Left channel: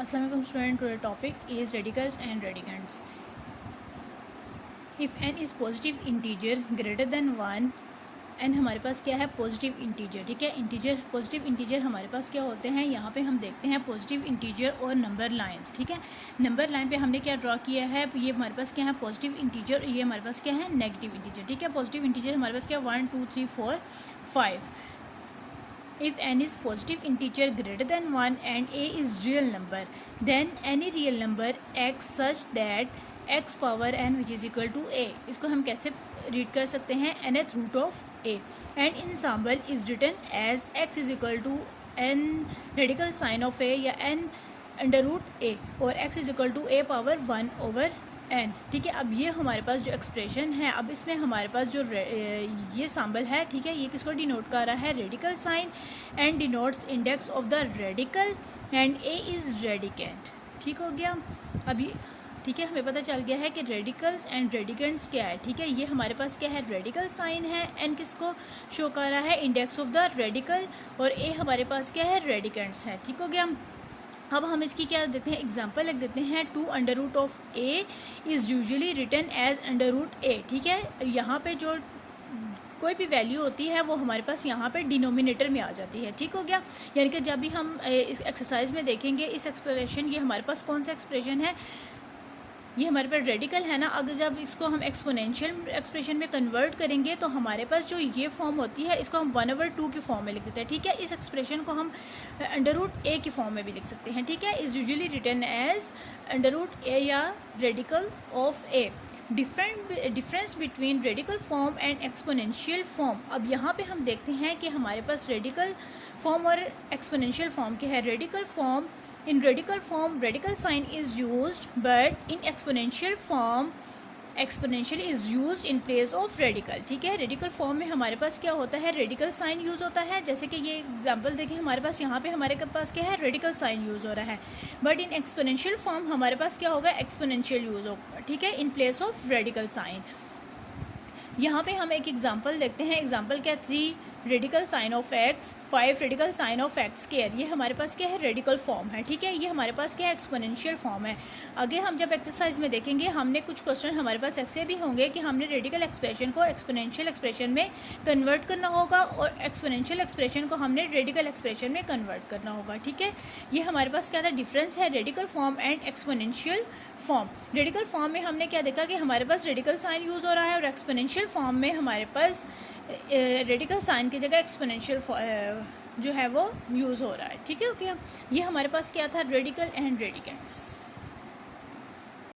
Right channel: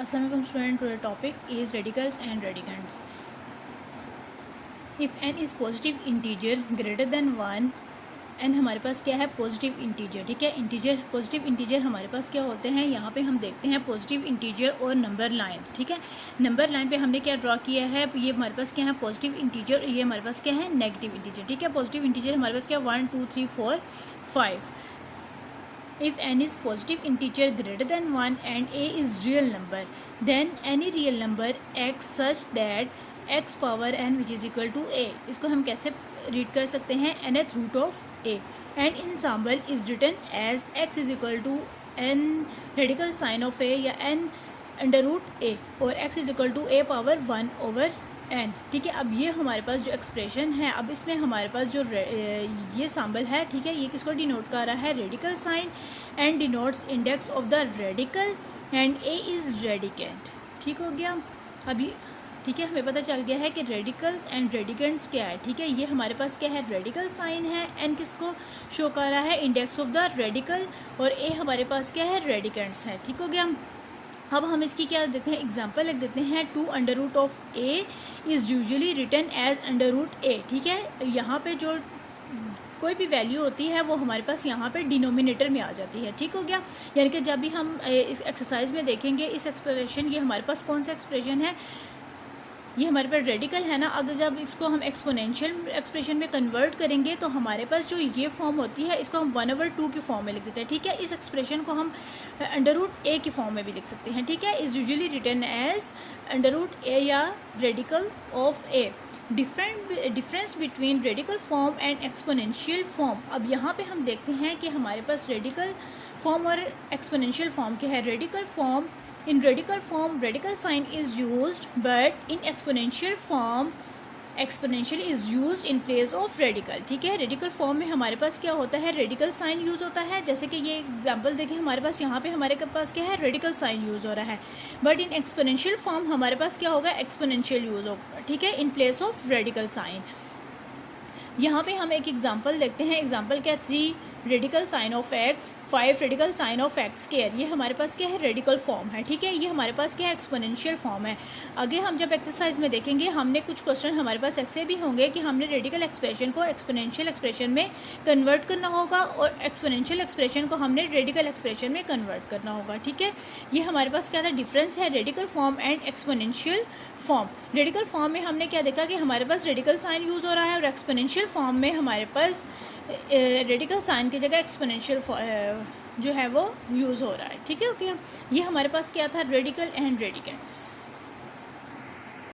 Assalamualaikum student, today topic is radicals and radicands. If n is positive integer greater than 1 n हमारे पास क्या है positive integer, ठीक है। Integer positive integer हमारे पास क्या होते हैं, यहाँ पे हम देखते हैं पॉजिटिव इंटीजर और नंबर लाइंस, ठीक है। नंबर लाइन पे हमने क्या ड्रॉ किया है, ये हमारे पास क्या है पॉजिटिव इंटीजर, ये हमारे पास क्या है नेगेटिव इंटीजर, ठीक है। पॉजिटिव इंटीजर हमारे पास क्या 1 2 3 4 5. If n is positive integer greater than 1 and a is real number, then any real number x such that x power n which is equal to a. इसको हम कैसे read कर सकते हैं, nth root of a, and ensemble is written as x is equal to n radical sign of a या n under root a और x is equal to a power 1 over n, ठीक है। अब ये हमारे पास जो एक्सप्रेशन है, अब इसमें हमारे पास जो ये सैम्बल है, ठीक है, ये किसको डिनोट कर रहा है, radical sign, and denotes index of the radical and a is radicand, ठीक हो गया। अभी ठीक है, हमें पता चल गया है कि रेडिकल्स एंड रेडिकेंट्स क्या है, ठीक है। ये हमारे पास क्या है रेडिकल साइन है, एन किसको शो कर रहा है, इंडेक्स ऑफ द रेडिकल, और ए हमारे पास क्या है रेडिकेंट्स है, ठीक हो गया। अब हम इसकी क्या देते हैं, एग्जांपल लिख देते हैं, 2 under root of a is usually written as under root a, ठीक है। यहाँ पे जो कोई भी वैल्यू होती है वो हमारे पास यहाँ पे डिनोमिनेटर में आ जाती है, ठीक हो गया। यानी कि जब भी हम इस एक्सरसाइज में देखेंगे इस एक्सप्रेशन, ये हमारे पास कौन सा एक्सप्रेशन है, ये हमारे पास रेडिकल है ना। अगर जब इसको हम एक्सपोनेंशियल एक्सप्रेशन में कन्वर्ट करेंगे तो हमारे पास जो ये फॉर्म होती है इसको हम 1/2 की फॉर्म में लिख देते हैं, ठीक है। इस एक्सप्रेशन को हम अंडर रूट ए की फॉर्म में भी लिख सकते हैं, ठीक है। Is usually written as under root a या radical of a. Difference between radical form and exponential form. अब यहाँ पे हम देखते हैं कि हमारे पास रेडिकल फॉर्म और एक्सपोनेंशियल फॉर्म क्या है। Radical form, in radical form radical sign is used, but in exponential form exponential is used in place of radical, ठीक है। रेडिकल फॉर्म में हमारे पास क्या होता है, रेडिकल साइन यूज़ होता है, जैसे कि ये एग्जांपल देखें, हमारे पास यहाँ पे हमारे पास क्या है रेडिकल साइन यूज़ हो रहा है। बट इन एक्सपोनेंशियल फॉर्म हमारे पास क्या होगा, एक्सपोनेंशियल यूज़ होगा, ठीक है, in place of radical sign. यहाँ पे हम एक एग्जांपल देखते हैं, एग्जांपल क्या 3 radical sign of x 5 radical sign of x square. ये हमारे पास क्या है रेडिकल फॉर्म है, ठीक है। ये हमारे पास क्या है एक्सपोनेंशियल फॉर्म है। आगे हम जब एक्सरसाइज में देखेंगे, हमने कुछ क्वेश्चन हमारे पास ऐसे भी होंगे कि हमने रेडिकल एक्सप्रेशन को एक्सपोनेंशियल एक्सप्रेशन में कन्वर्ट करना होगा और एक्सपोनेंशियल एक्सप्रेशन को हमने रेडिकल एक्सप्रेशन में कन्वर्ट करना होगा, ठीक है। ये हमारे पास क्या था डिफरेंस है radical form and exponential form. Radical form में हमने क्या देखा कि हमारे पास रेडिकल साइन यूज़ हो रहा है, और एक्सपोनेंशियल फॉर्म में हमारे पास रेडिकल साइन की जगह एक्सपोनेंशियल जो है वो यूज़ हो रहा है, ठीक है। ओके, ये हमारे पास क्या था रेडिकल एंड रेडिकेंट्स।